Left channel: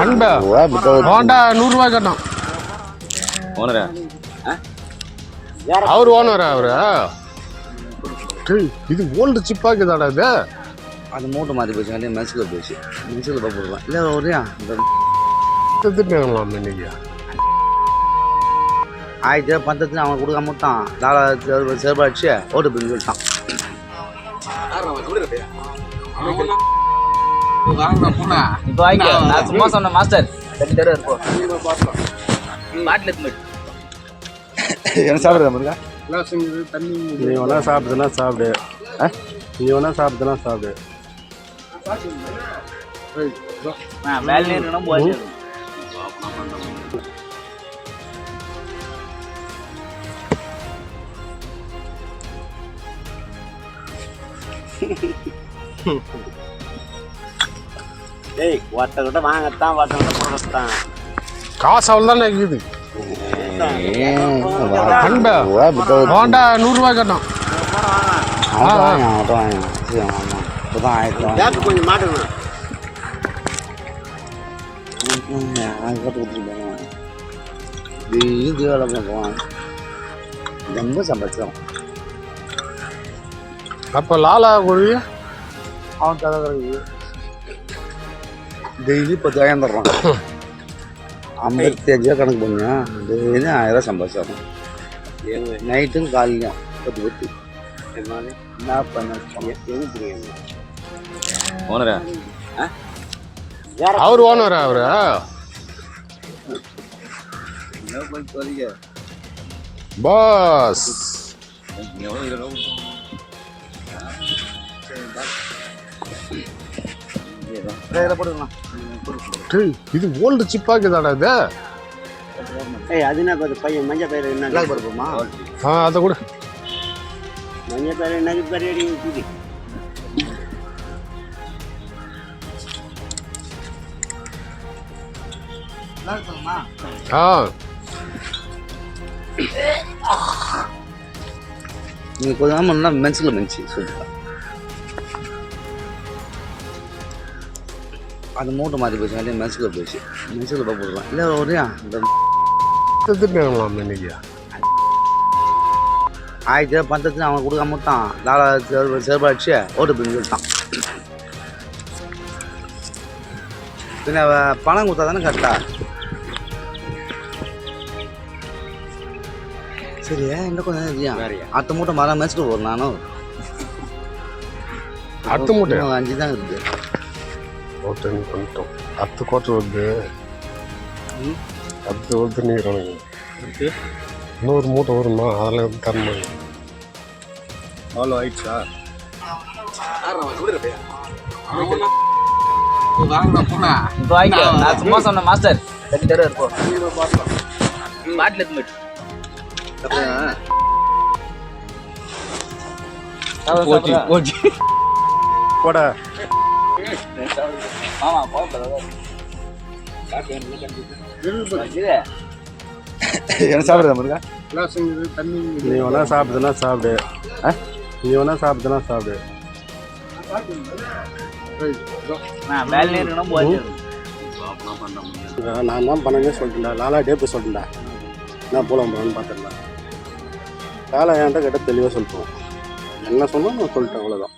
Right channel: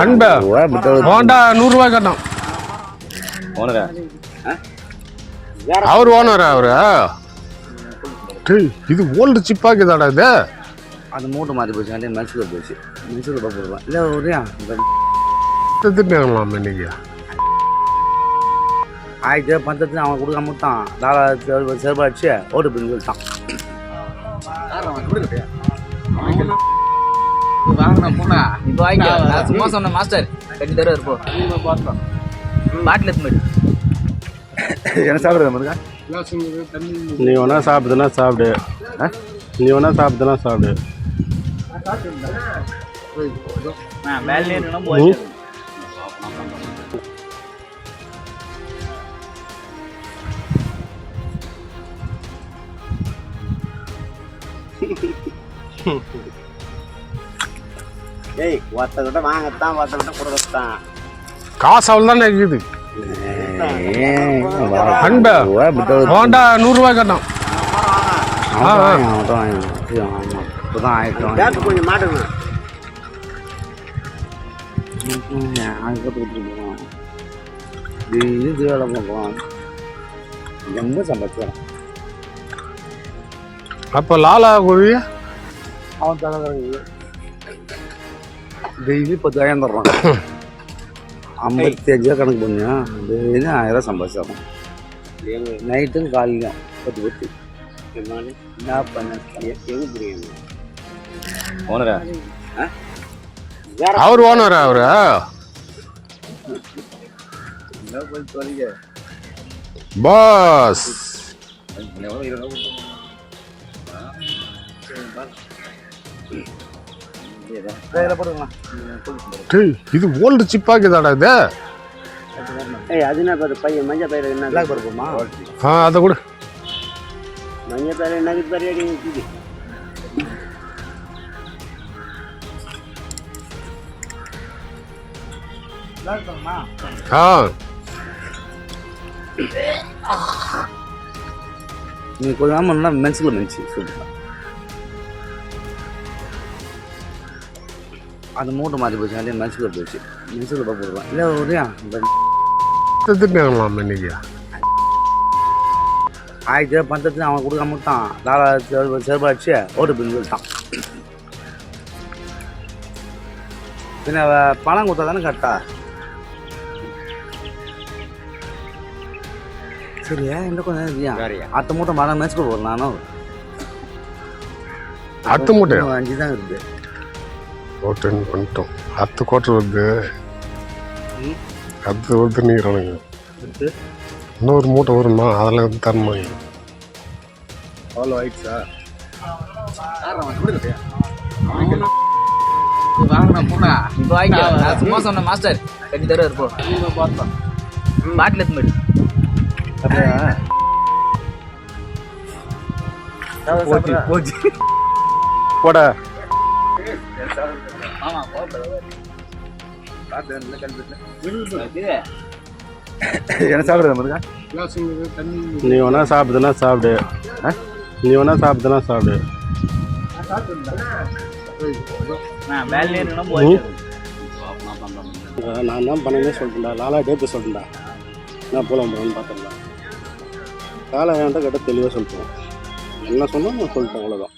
Honda 100 ரூபாய் கட்டணும். ஓனரா அவர் ஓனரா அவரு? இது ஓல்டு சிப்பாக்குதாடா இது. அது மூட்டை மாற்றி போச்சு, அப்படியே மெசுக்கு போச்சு. மெசுக்கு போடலாம் இல்லை ஒரே திட்டுலாம் இன்னைக்கு. 1000 பந்தத்துக்கு அவன் கொடுக்காம விட்டான். லாலா செருப்பு அடிச்சு ஓட்டு பின்னு சொல்லிட்டான். இப்போ வாங்கிக்க. நான் சும்மா சொன்னேன் மாஸ்டர். கட்டி தருவார் இருப்போம். பாட்டில் எடுத்து என்ன சாப்பிட்றது இருக்கா? நீ வேணா சாப்பிடுதுன்னா சாப்பிடு. நீ வேணா சாப்பிடுதுன்னா சாப்பிடு. வேலையே இருக்கணும் போச்சு. ஏய் ஒருத்தக்கிட்ட வாங்கத்தான் ஒருத்தக்கிட்ட கொடுக்கத்தான் காசு அவள் தான் இருக்குது. ஹோண்டா 100 ரூபாய் கட்டணும். கொஞ்சம் மாட்டுங்க. இது வேலை பார்ப்போம். ரொம்ப சம்பாதிச்சோம். அப்போ லாலா குருவி அவன் தலை டெய்லி 10,000 தர்றான். 55 கணக்கு பண்ணுவேன். டெய்லி 1000 சம்பாதிச்சாகும். நைட்டும் காலையிலும் 10 என்ன பண்ண ஓனரா அவர் ஓனரா அவரு? பாஸ் இது ஓல்டு சிப்பாக்குதாடா இது. அதுனா பையன் மஞ்சள் பயிர் என்ன பருப்புமா? அதை கூட மஞ்சள் பயிர் என்ன பயிர் இருக்குது. நீ கொஞ்சம் நல்லா மென்ஸில் மென்ஸு சொல்லிட்டா. அது மூட்டை மாற்றி போச்சு, அப்படியே மென்ஸுக்கு போச்சு. மென்ஸுக்கு போடலாம் இல்லை ஒரே திட்டுலாம் இன்னைக்கு. 1000 பந்தத்துக்கு அவன் கொடுக்காம விட்டான். லாலா செருப்பு அடிச்சு ஓட்டு பின்னு சொல்லிட்டான். பின்ன பணம் கொடுத்தா தானே கரெக்டா? சரியா என்ன கொஞ்சம் இல்லையா? அடுத்த மூட்டை மரம் மெச்சுட்டு போகிறேன் நானும். அடுத்த மூட்டை 5 தான் இருக்குது. பண்ணிட்டோம். 10 கோட்டை வருது. 10 வருது நீங்க. இன்னொரு மூட்டை வரும்னா அதில் வந்து தரணும். அவ்வளோ ஆயிடுச்சா? இப்போ வாங்கிக்க. நான் சும்மா சொன்னேன் மாஸ்டர். கட்டி தருவார் இருப்போம். பாட்டில் எடுத்து போட ஆமா என்ன சாப்பிட்றது இருக்கா? நீ வேணா சாப்பிடுதுன்னா சாப்பிடு. நீ வேணா சாப்பிடுதுன்னா சாப்பிடு. வேலையே இருக்கணும் போச்சு. நான் தான் பண்ணவே சொல்லிட்டேன்டா. லாலா டேப்பு சொல்லிட்டேன்டா. நான் போகலாம் போகலான்னு பார்த்துடலாம். லாலா என்கிட்ட கேட்டால் தெளிவாக சொல்லிட்டோம். என்ன சொன்னால் நான் சொல்லிட்டேன், அவ்வளோதான்.